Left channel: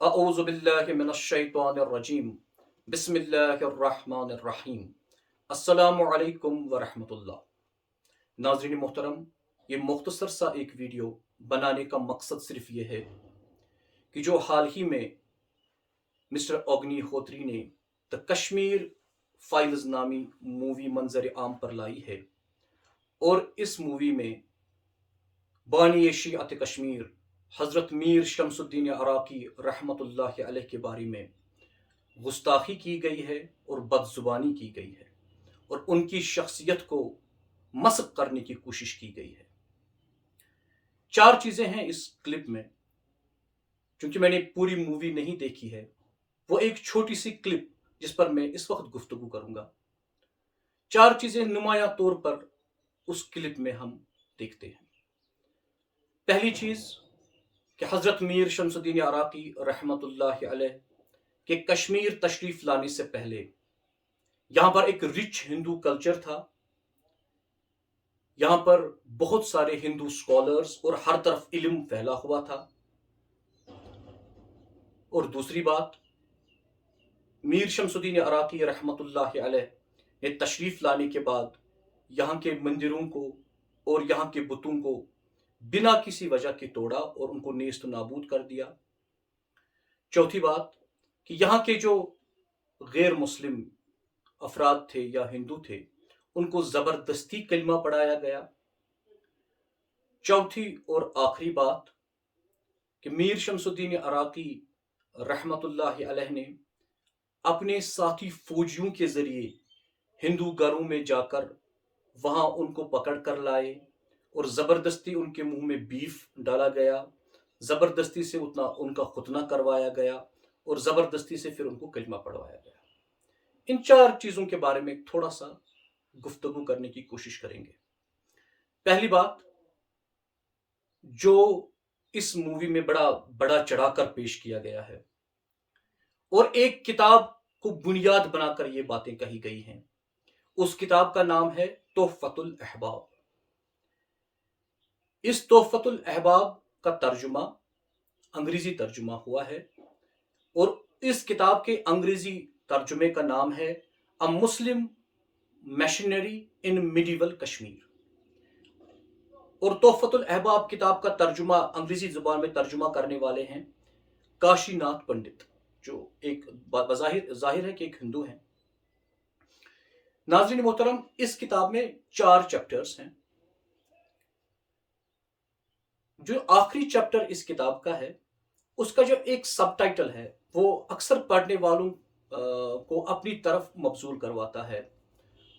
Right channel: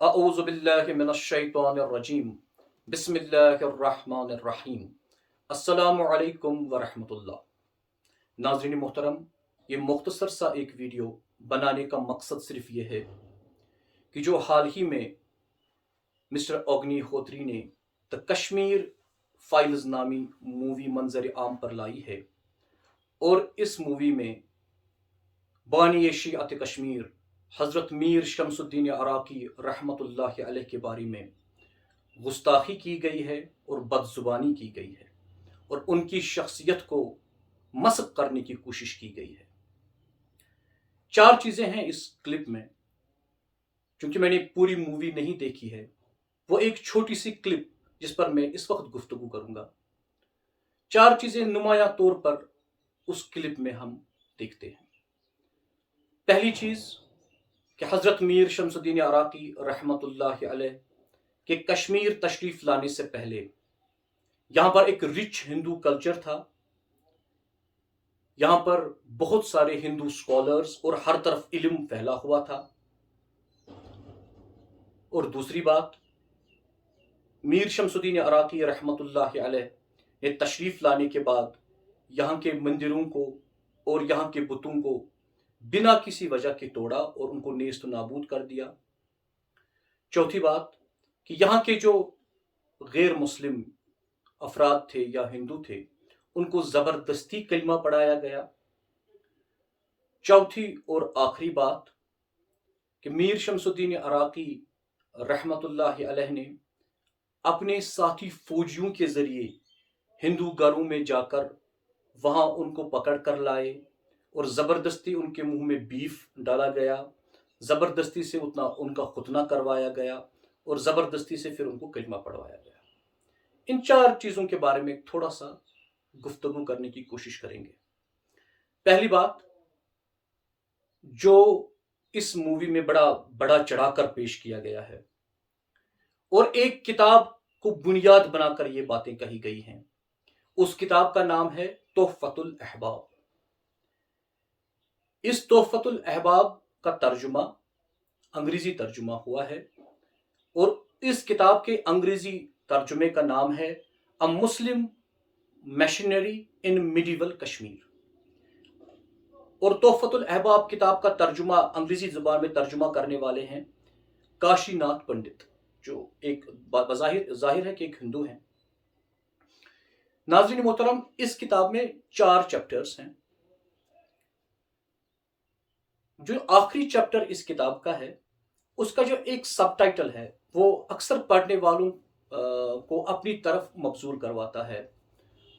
اعوذ باللہ من الشیطان الرجیم بسم اللہ الرحمن الرحیم السلام علیکم ورحمۃ اللہ۔ ناظرین محترم، یہ مختصر سا ایک ویڈیو بنانے کا مقصد صرف یہ ہے کہ جو حال ہی میں مسٹر اگنی ہوتری نے دا کشمیر فائلز نامی مووی منظر عام پر لائی ہے، اور اس مووی میں بانی شیعت کشمیر حضرت میر شمس الدین عراقی رحمۃ اللہ علیہ کے بارے میں گستاخی کی گئی ہے اور بد زبانی کی گئی ہے، اور ان کی شخصیت کو مسخ کرنے کی کوشش کی گئی ہے۔ چار چیزیں ہیں اس کلپ میں، چونکہ میں نے پوری مووی نہیں دیکھی ہے، وہ ایک چھوٹی سی کلپ جس پر میں اس وقت گفتگو کروں گا۔ چار چیزیں نمایاں طور پر اس کلپ میں ہم دیکھتے ہیں۔ پہلی چیز کہ حضرت میر شمس الدین عراقی رحمۃ اللہ علیہ کے کشمیر تشریف لانے سے پہلے یہاں پر ایک رچ ہندو کلچر تھا، یہاں پر بہت سارے ہندو سکالرز اور ہر طرف علم پھیلا ہوا تھا۔ اور دوسری بات، میر شمس الدین عراقی رحمۃ اللہ علیہ نے تشریف لانے کے بعد یہاں کے مندروں کو اور یہاں کے بتوں کو بنا کسی وجہ کے توڑا اور ان کو نیست و نابود کر دیا۔ چوتھی بات کہ یہاں کے جو غیر مسلم افراد تھے یا ہندو تھے، ان کو زبردستی کلمہ پڑھایا گیا۔ چوتھی اور آخری بات کہ میر شمس الدین عراقی رحمۃ اللہ علیہ نے اپنے ساتھی فوجیوں کے ذریعے ہندو گھروں میں جا کر وہاں ان کو پکڑ کر لائے اور زبردستی ان کے منہ میں بیف ڈالا گیا، زبردستی سے ان کا ختنہ کروایا گیا اور زبردستی سے پھر ان کو کلمہ پڑھوایا گیا۔ ان چار چیزوں کے بارے میں تھوڑا سا گفتگو کرنے کی کوشش کریں گے۔ پہلی بات، جو اس مووی میں بڑا چڑھا کر پیش کیا گیا ہے اور ایک کتاب کو بنیاد بنا کر یہ باتیں کہی گئی ہیں، اس کتاب کا نام ہے تحفۃ الاحباب۔ اس تحفۃ الاحباب کا ترجمہ انگریزی ترجمہ ہوا ہے، اور اس کتاب کے انگریزی ترجمے کا نام ہے A Muslim Missionary in Medieval Kashmir. اور تحفۃ الاحباب کتاب کا ترجمہ انگریزی زبان میں ترجمہ کرنے والے ہیں کاشی ناتھ پنڈت، جو ایک ظاہر ہے کہ ایک ہندو ہیں۔ ناظرین محترم، اس کتاب میں 4 چیپٹرز ہیں۔ جو آخری چیپٹر اس کتاب کا ہے، اس کا جو ایک سب ٹائٹل ہے، وہ اکثر پڑھنے والوں کو اپنی طرف مبذول کرواتا ہے،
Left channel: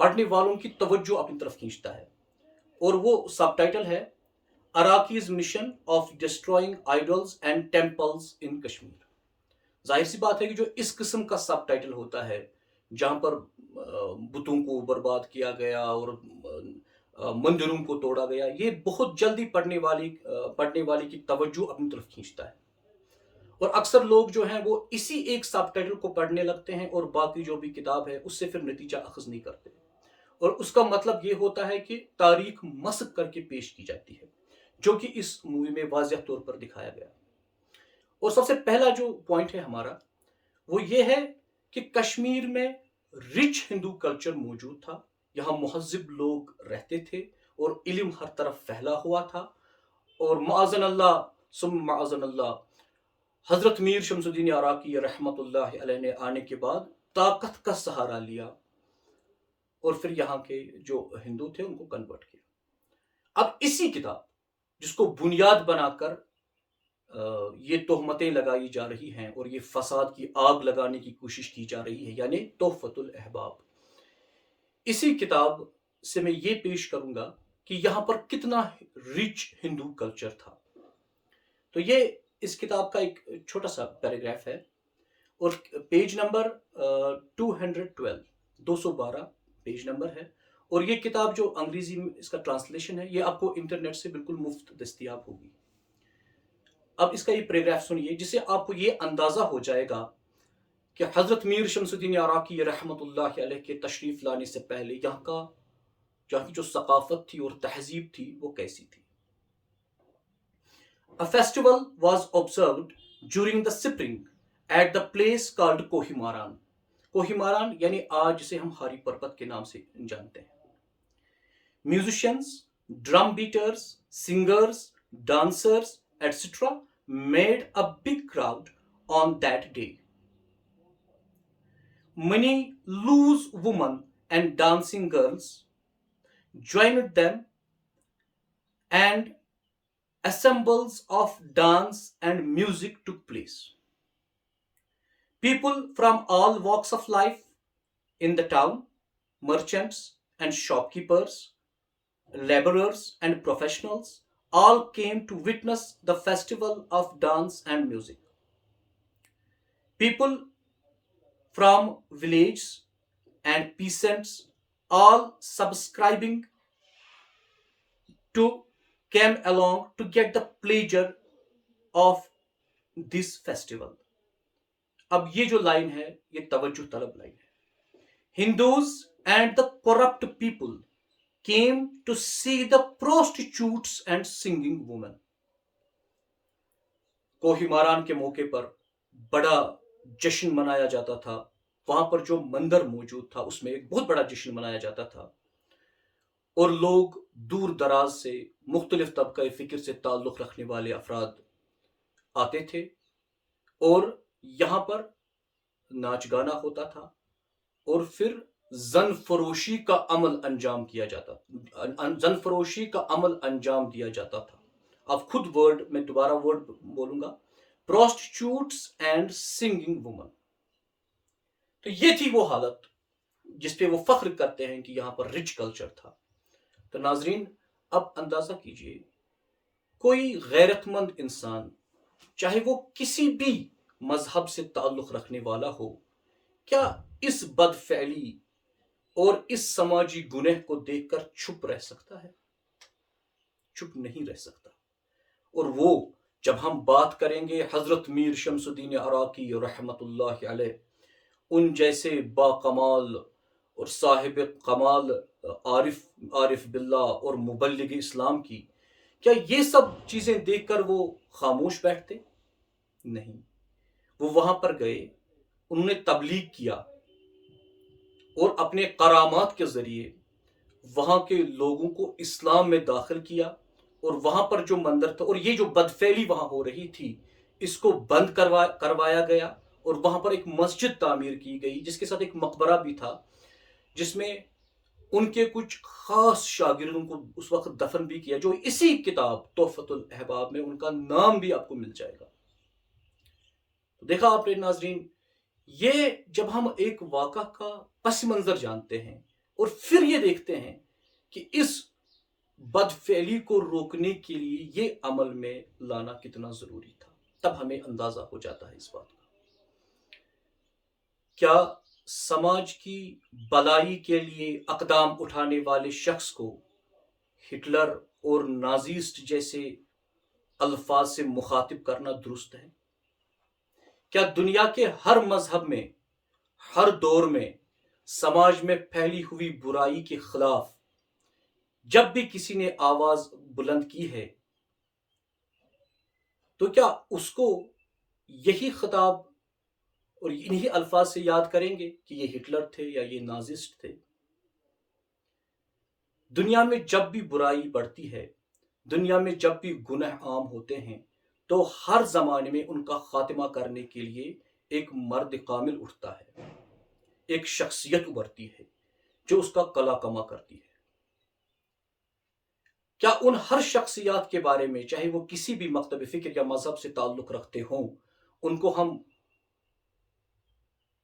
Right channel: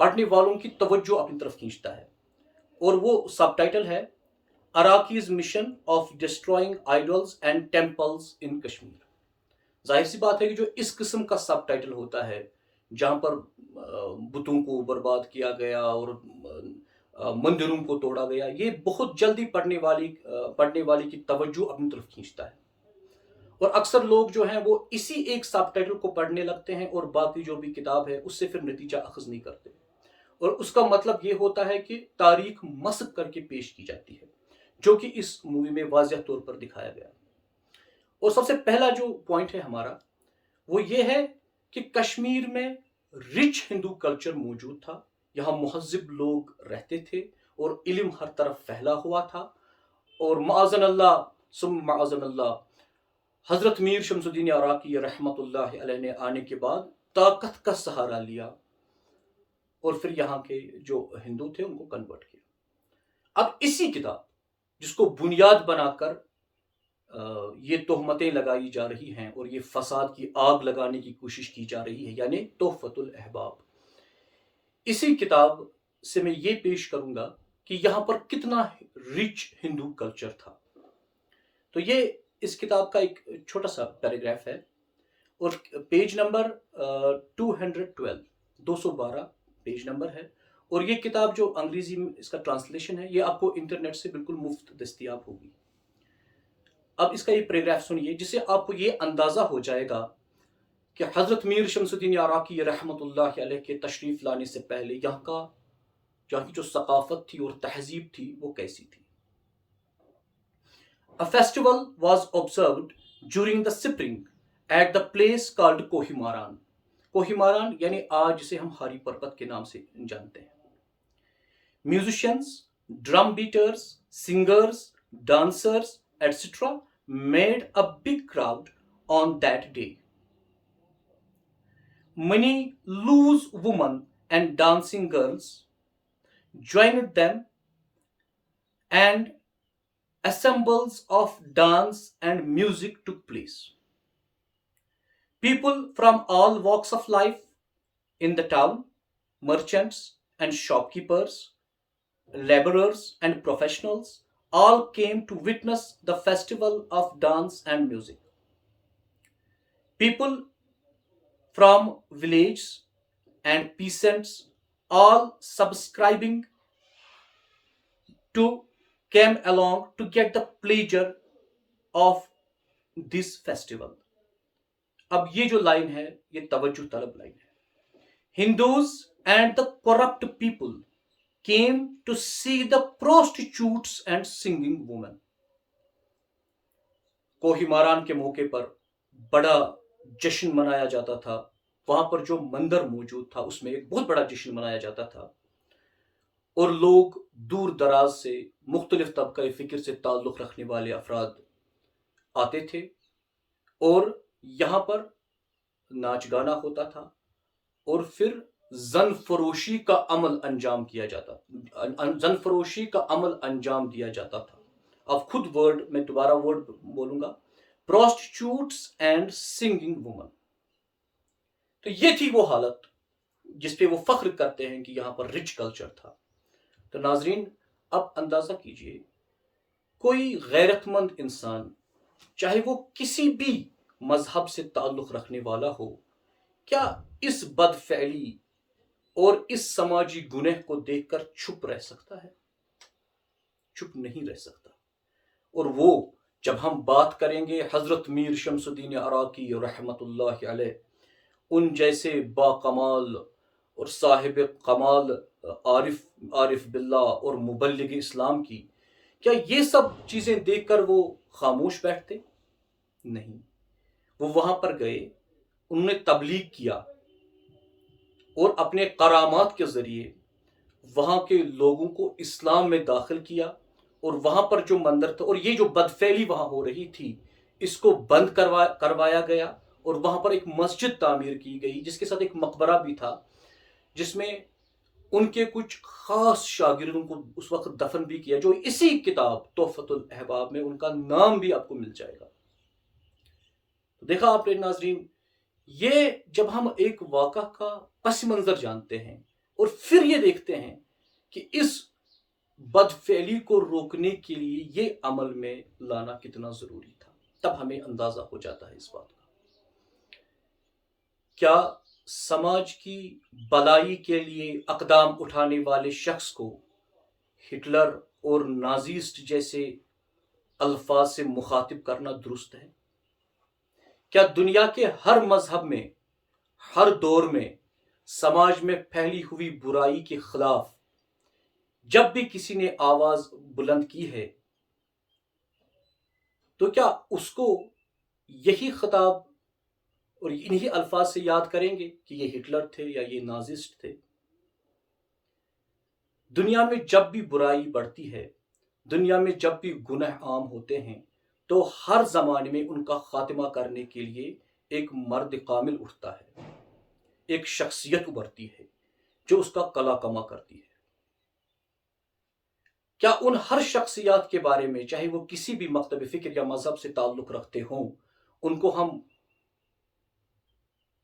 پڑھنے والوں کی توجہ اپنی طرف کھینچتا ہے، اور وہ سب ٹائٹل ہے اراکیز mission of destroying idols and temples in Kashmir. ظاہر سی بات ہے کہ جو اس قسم کا سب ٹائٹل ہوتا ہے، جہاں پر بتوں کو برباد کیا گیا اور مندروں کو توڑا گیا، یہ بہت جلدی پڑھنے والی کی توجہ اپنی طرف کھینچتا ہے، اور اکثر لوگ جو ہیں وہ اسی ایک سب ٹائٹل کو پڑھنے لگتے ہیں اور باقی جو بھی کتاب ہے اس سے پھر نتیجہ اخذ نہیں کرتے، اور اس کا مطلب یہ ہوتا ہے کہ تاریخ مسخ کر کے پیش کی جاتی ہے، جو کہ اس مووی میں واضح طور پر دکھایا گیا۔ اور سب سے پہلا جو پوائنٹ ہے ہمارا، وہ یہ ہے کہ کشمیر میں رچ ہندو کلچر موجود تھا، یہاں مہذب لوگ رہتے تھے اور علم ہر طرف پھیلا ہوا تھا، اور معاذن اللہ ثم معاذن اللہ حضرت میر شمس الدین عراقی رحمۃ اللہ علیہ نے آنے کے بعد طاقت کا سہارا لیا اور پھر یہاں کے جو ہندو تھے ان کو کنورٹ کیا۔ اب اسی کتاب جس کو بنیاد بنا کر یہ تہمتیں لگائی جا رہی ہیں اور یہ فساد کی آگ لگانے کی کوشش کی جا رہی ہے، یعنی تحفۃ الاحباب، اسی کتاب سے میں یہ پیش کروں گا کہ یہاں پر کتنا رچ ہندو کلچر تھا۔ تو یہ اس کتاب کا ایک چھوٹا سا پیراگراف ہے، اور پیج نمبر 212 پیج نمبر ہے، اور یہ کتاب جو انگریزی میں اس کا ٹرانسلیشن ہے، یہ آپ کو انٹرنیٹ سے بالکل مفت دستیاب ہوگی۔ اب اس کا یہ پیراگراف سنیے، جس سے آپ کو یہ اندازہ ہو جائے گا کہ حضرت میر شمس الدین عراقی رحمۃ اللہ علیہ کے تشریف لانے سے پہلے یہاں کی جو ثقافت تھی اور تہذیب تھی وہ کیسی تھی۔ A festival was observed during the spring at the place called कोहिमारान। कोहिमारान यानी आज जिसे हम हारी पर्वत के नाम से जानते हैं। Musicians, drum beaters, singers, dancers, etc. made a big crowd on that day. Many loose women and dancing girls joined them, and assembles of dance and music took place. People from all walks of life in the town, merchants and shopkeepers, laborers and professionals, all came to witness the festival of dance and music. People from villages and peasants, all subscribing to came along to get the pleasure of this festival. अब ये जो line है ये तवज्जो तलब line है। Hindus and the corrupt people came to see the prostitutes and singing women. कोहिमारान के मौके पर बड़ा जश्न मनाया जाता था। वहां पर जो मंदिर मौजूद था उसमें एक बहुत बड़ा जश्न मनाया जाता था और लोग दूर दराज से मुख्तलिफ तबका फ़िक्र से ताल्लुक़ रखने वाले अफराद आते थे और यहाँ पर नाच गाना होता था और फिर जन फरोशी का अमल अंजाम किया जाता जन फरोशी का अमल अंजाम दिया जाता था। अब खुद वर्ड मैं दोबारा वर्ड बोलूंगा, प्रोस्टिट्यूट्स एंड सिंगिंग वुमन। तो ये थी वो हालत जिस पे वो फख्र करते हैं कि यहाँ पर रिच कल्चर था। तो नाजरीन अब अंदाजा कीजिए कोई गैरतमंद इंसान चाहे वो किसी भी मजहब से ताल्लुक़ रखने वाला हो, क्या इस बदफैली और इस समाजी गुनह को देखकर चुप रह सकता है? चुप नहीं रह सकता। और वो जब हम बात करेंगे हजरत मीर शमसुद्दीन अराकी रहमतुल्लाह अलैह, उन जैसे बाकमाल और साहिब कमाल आरिफ बिल्लाह और मुबल्लिग इस्लाम की, क्या ये सब चीज़ें देखकर वो खामोश बैठते? नहीं, वो वहाँ पर गए, उन्होंने तबलीग किया और अपने करामात के ज़रिए वहाँ के लोगों को इस्लाम में दाखिल किया और वहाँ पर जो मंदिर था और ये जो बदफैली वहाँ हो रही थी इसको बंद करवाया गया और वहाँ पर एक मस्जिद तामीर की गई जिसके साथ एक मकबरा भी था जिसमें उनके कुछ ख़ास शागिर्दों को उस वक्त दफन भी किया, जो इसी किताब तोहफतुल अहबाब में उनका नाम भी आपको मिल जाएगा। तो देखा आपने नाजरीन, ये जब हम एक वाक़ा का पस मंज़र जानते हैं और फिर ये देखते हैं कि इस बदफैली को रोकने के लिए ये अमल में लाना कितना ज़रूरी था, तब हमें अंदाज़ा हो जाता है इस बात का। क्या समाज की भलाई के लिए अक़दाम उठाने वाले शख्स को हिटलर और नाज़िस्ट जैसे अल्फाज से मुखातिब करना दुरुस्त है? क्या दुनिया के हर मजहब में हर दौर में समाज में फैली हुई बुराई के खिलाफ जब भी किसी ने आवाज बुलंद की है तो क्या उसको यही खिताब और इन्हीं अल्फाज से याद करेंगे कि ये हिटलर थे या ये नाजिस्ट थे? दुनिया में जब भी बुराई बढ़ती है, दुनिया में जब भी गुनाह आम होते हैं, तो हर ज़माने में उनका खात्मा करने के लिए एक मर्द कामिल उठता है, एक शख्सियत उभरती है जो उसका कला कमा करती है। क्या उन हर शख्सियत के बारे में, चाहे वो किसी भी मकतब फ़िक्र या मज़हब से ताल्लुक़ रखते हों, उनको हम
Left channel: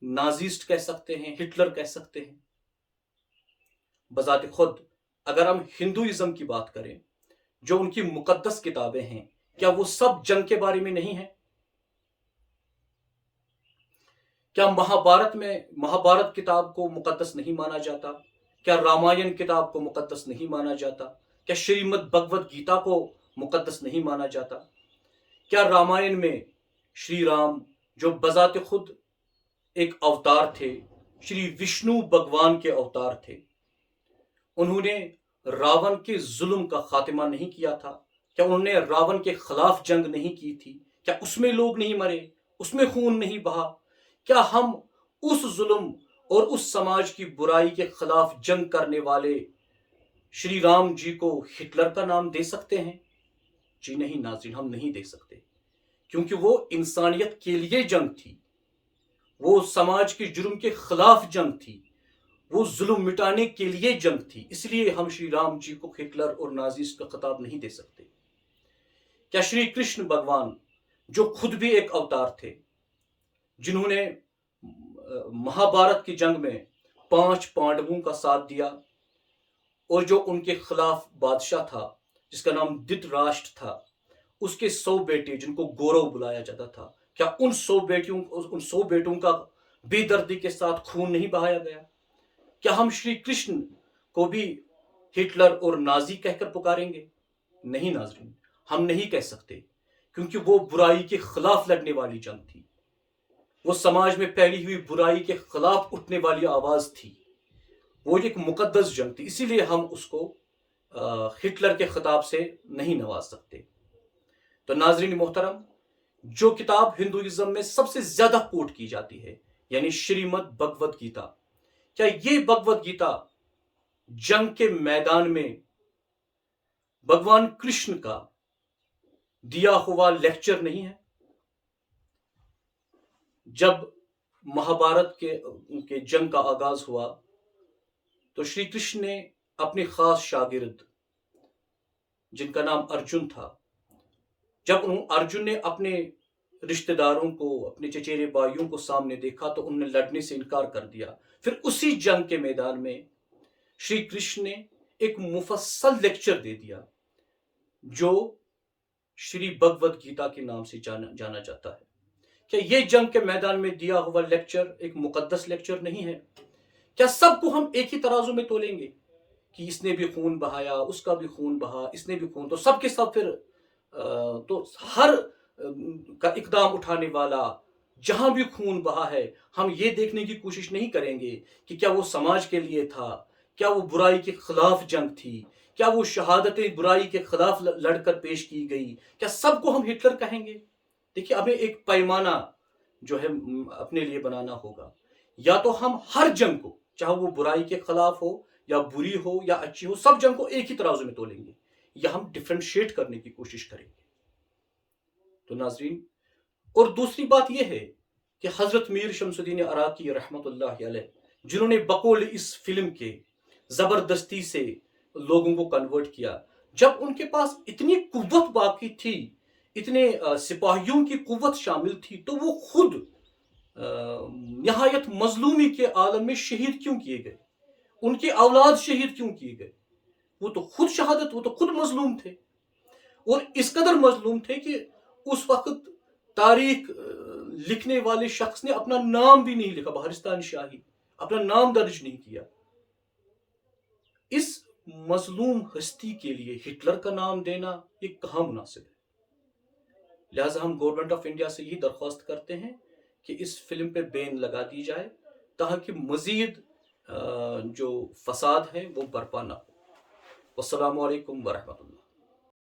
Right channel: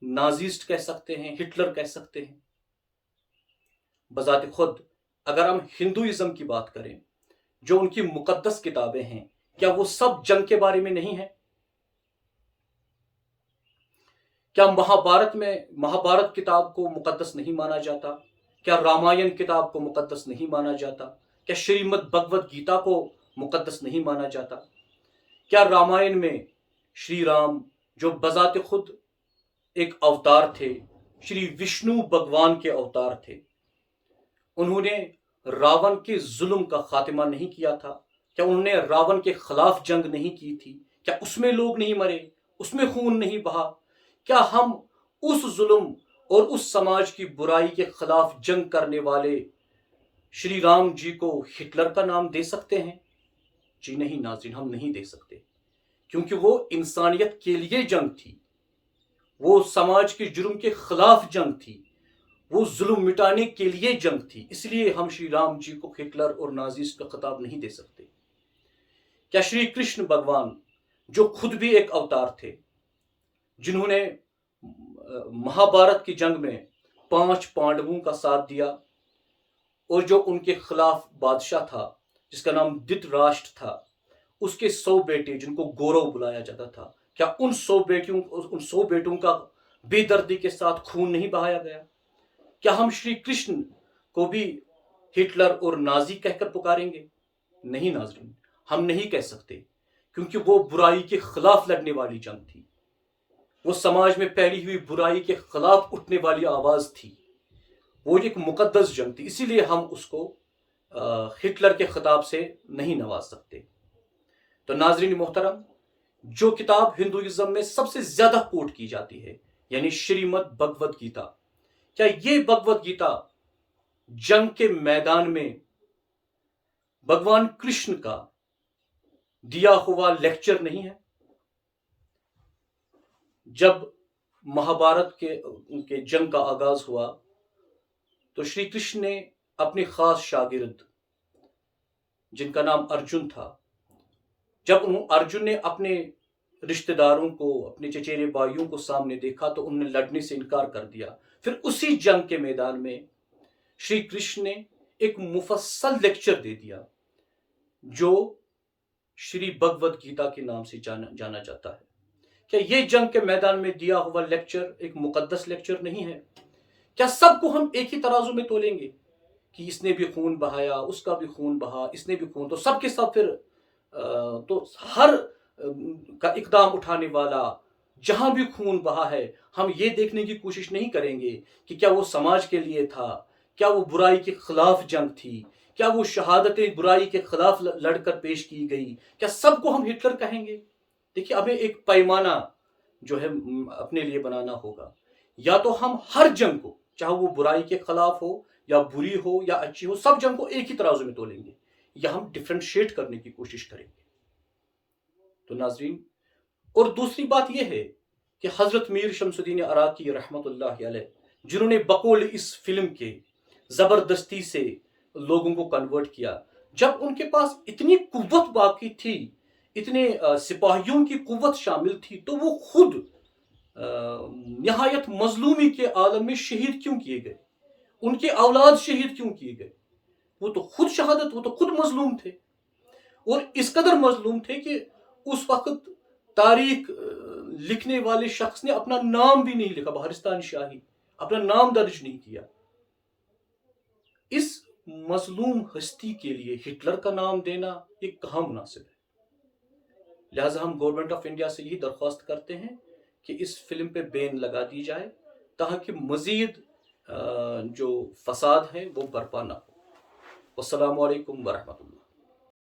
नाजिस्ट कह सकते हैं, हिटलर कह सकते हैं? बज़ात खुद अगर हम हिंदुइज़्म की बात करें, जो उनकी मुक़द्दस किताबें हैं, क्या वो सब जंग के बारे में नहीं है? क्या महाभारत किताब को मुक़द्दस नहीं माना जाता? क्या रामायण किताब को मुक़द्दस नहीं माना जाता? क्या श्रीमद् भगवद गीता को मुक़द्दस नहीं माना जाता? क्या रामायण में श्री राम जो बज़ात खुद एक अवतार थे, श्री विष्णु भगवान के अवतार थे, उन्होंने रावण के जुल्म का खात्मा नहीं किया था? क्या उन्होंने रावण के खिलाफ जंग नहीं की थी? क्या उसमें लोग नहीं मरे, उसमें खून नहीं बहा? क्या हम उस जुल्म और उस समाज की बुराई के खिलाफ जंग करने वाले श्री राम जी को हिटलर का नाम दे सकते हैं? जी नहीं नाज़रीन, हम नहीं दे सकते, क्योंकि वो इंसानियत के लिए जंग थी, वो समाज के जुर्म के खिलाफ जंग थी, वो जुल्म मिटाने के लिए जंग थी। इसलिए हम श्री राम जी को हिटलर और नाजीज का खिताब नहीं दे सकते। क्या श्री कृष्ण भगवान, जो खुद भी एक अवतार थे, जिन्होंने महाभारत की जंग में 5 पांडवों का साथ दिया, और जो उनके खिलाफ बादशाह था जिसका नाम धृतराष्ट्र था, उसके 100 बेटे जिनको गौरव बुलाया जाता था, क्या उन 100 बेटों का बेदर्दी के साथ खून नहीं बहाया गया? क्या हम श्री कृष्ण को भी हिटलर और नाजी कहकर पुकारेंगे? नहीं नाजरीन, हम नहीं कह सकते, क्योंकि वो बुराई के खिलाफ लड़ने वाली जंग थी, वो समाज में फैली हुई बुराई के खिलाफ उठने वाली आवाज थी, वो एक मुकद्दस जंग थी। इसीलिए हम उसको हिटलर के खिताब से नहीं नवाज सकते। तो नाजरीन मोहतरम, जो किताब हिंदुइज्म में सबसे ज्यादा कोट की जाती है, यानी श्रीमद् भगवद गीता, क्या ये भगवद गीता जंग के मैदान में भगवान कृष्ण का दिया हुआ लेक्चर नहीं है? जब महाभारत के जंग का आगाज हुआ तो श्री कृष्ण ने अपने खास शागिर्द, जिनका नाम अर्जुन था, जब अर्जुन ने अपने रिश्तेदारों को, अपने चचेरे भाइयों को सामने देखा तो उन्होंने लड़ने से इनकार कर दिया। फिर उसी जंग के मैदान में श्री कृष्ण ने एक मुफस्सल लेक्चर दे दिया, जो श्री भगवद गीता के नाम से जाना जाता है। क्या ये जंग के मैदान में दिया हुआ लेक्चर एक मुकद्दस लेक्चर नहीं है? क्या सबको हम एक ही तराजू में तोलेंगे कि इसने भी खून बहाया, उसका भी खून बहा, इसने भी खून, तो सबके सब फिर तो हर का इकदाम उठाने वाला जहां भी खून बहा है, हम ये देखने की कोशिश नहीं करेंगे कि क्या वो समाज के लिए था, क्या वो बुराई के खिलाफ जंग थी, क्या वो शहादतें बुराई के खिलाफ लड़कर पेश की गई? क्या सबको हम हिटलर कहेंगे? देखिए, हमें एक पैमाना जो है अपने लिए बनाना होगा। या तो हम हर जंग को, चाहे वो बुराई के खिलाफ हो या बुरी हो या अच्छी हो, सब जंग को एक ही तराजू में तोलेंगे, या हम डिफरेंशिएट करने की कोशिश करेंगे। तो नाजरीन, और दूसरी बात यह है कि हजरत मीर शमसुद्दीन अराकी रहमतुल्लाह अलैह, जिन्होंने बकौल इस फिल्म के जबरदस्ती से लोगों को कन्वर्ट किया, जब उनके पास इतनी कुव्वत बाकी थी, इतने सिपाहियों की कुव्वत शामिल थी, तो वो खुद नहायत मजलूमी के आलम में शहीद क्यों किए गए? उनके औलाद शहीद क्यों किए गए? वो तो खुद शहादत, वो तो खुद मजलूम थे, और इस कदर मजलूम थे कि उस वक्त तारीख लिखने वाले शख्स ने अपना नाम भी नहीं लिखा, बहरिस्तान शाही, अपना नाम दर्ज नहीं किया। इस मजलूम हस्ती के लिए हिटलर का नाम देना ये कहाँ मुनासिब है? लिहाजा हम गवर्नमेंट ऑफ इंडिया से यही दरख्वास्त करते हैं कि इस फिल्म पे बैन लगा दी जाए, ताकि मजीद जो फसाद है वो बर्पा ना हो। वस्सलामु अलैकुम वरहमतुल्लाह।